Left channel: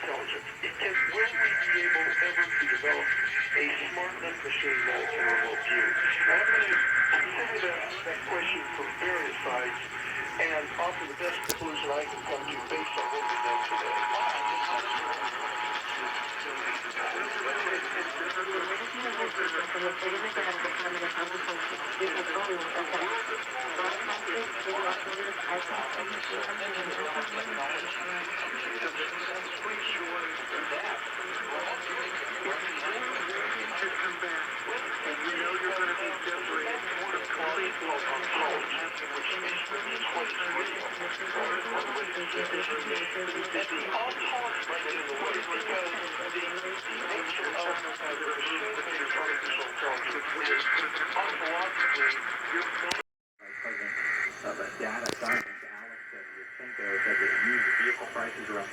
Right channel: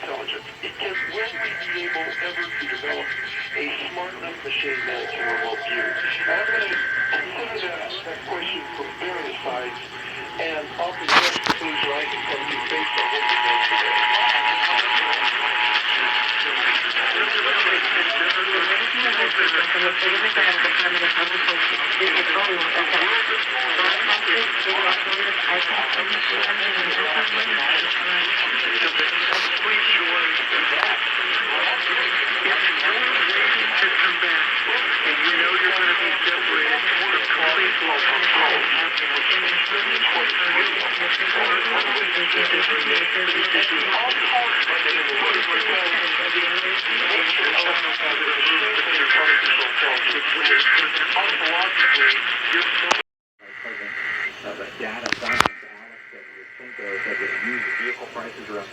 intelligence. Will we be able ever to develop a smart enough machine that can remote view? I'm going to consider that question from various sides and offer the best conclusion I can come to based on what we know today. Of a data science analyst at Cinco said that used vehicle prices are up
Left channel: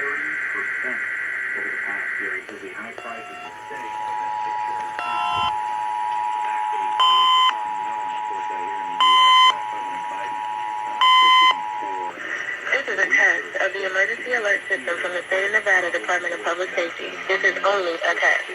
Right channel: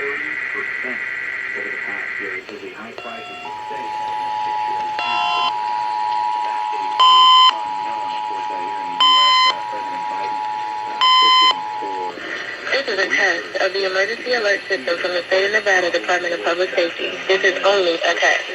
30% over the past year. He says the high prices will stay for the next 6 years. That date is unknown. Of course, here in the U.S., President Biden pushing for... This is a test of the emergency alert system from the state of Nevada Department of Public Safety. This is only a test.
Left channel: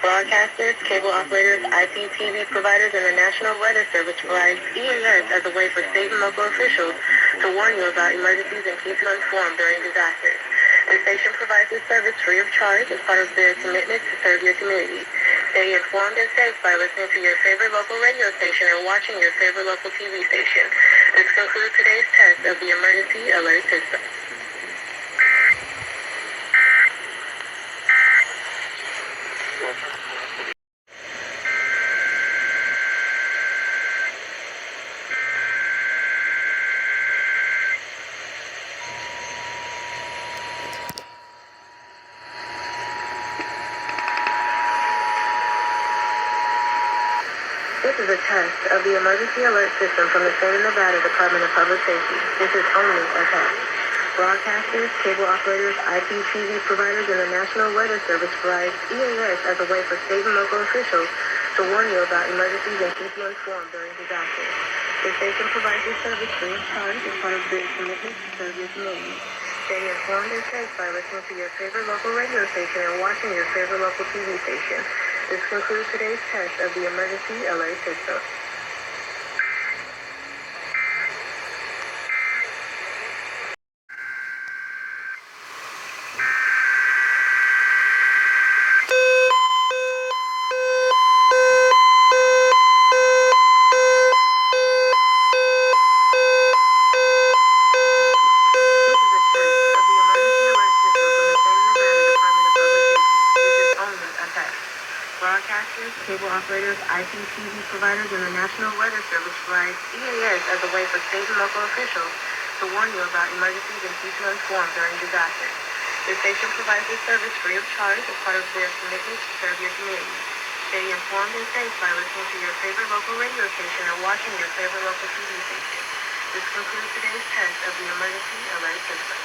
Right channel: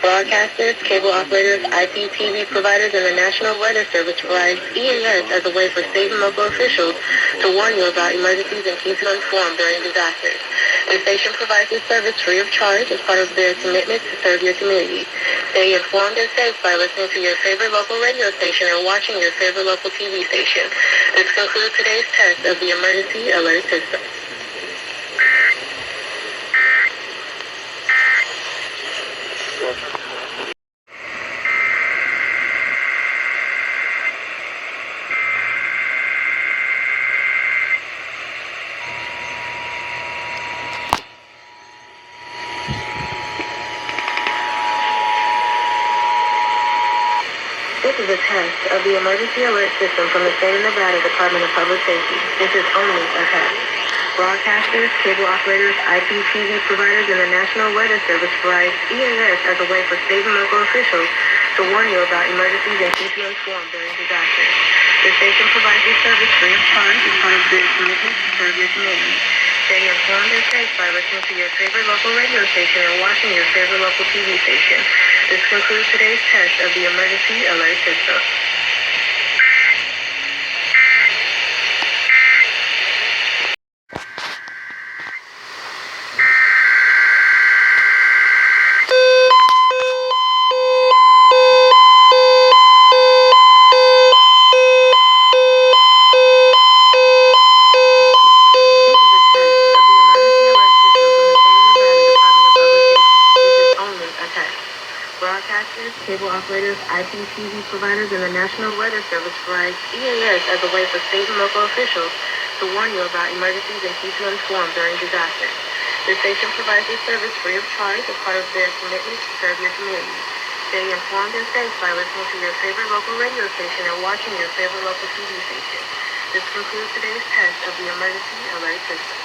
Broadcasters, cable operators, IPTV providers, and the National Weather Service provides EAS as a way for state and local officials to warn you about emergencies and keep you informed during disasters. The station provides this service free of charge as part of their commitment to serve your community. Stay informed and safe by listening to your favorite local radio station and watching your favorite local TV station. This concludes today's test of the emergency alert system. This is a test of the emergency alert system from the state of Nevada Department of Public Safety. This is only a test. Broadcasters, cable operators, IPTV providers, and the National Weather Service provides EAS as a way for state and local officials to warn you about emergencies and keep you informed during disasters. The station provides this service free of charge as part of their commitment to serve your community. Stay informed and safe by listening to your favorite local radio station and watching your favorite local TV station. This concludes today's test of the emergency alert system. Broadcasters, cable operators, IPTV providers, and the National Weather Service provides EAS as a way for state and local officials to warn you about emergencies and keep you informed during disasters. The station provides this service free of charge as part of their commitment to serve your community. Stay informed and safe by listening to your favorite local radio station and watching your favorite local TV station. This concludes today's test of the emergency alert system.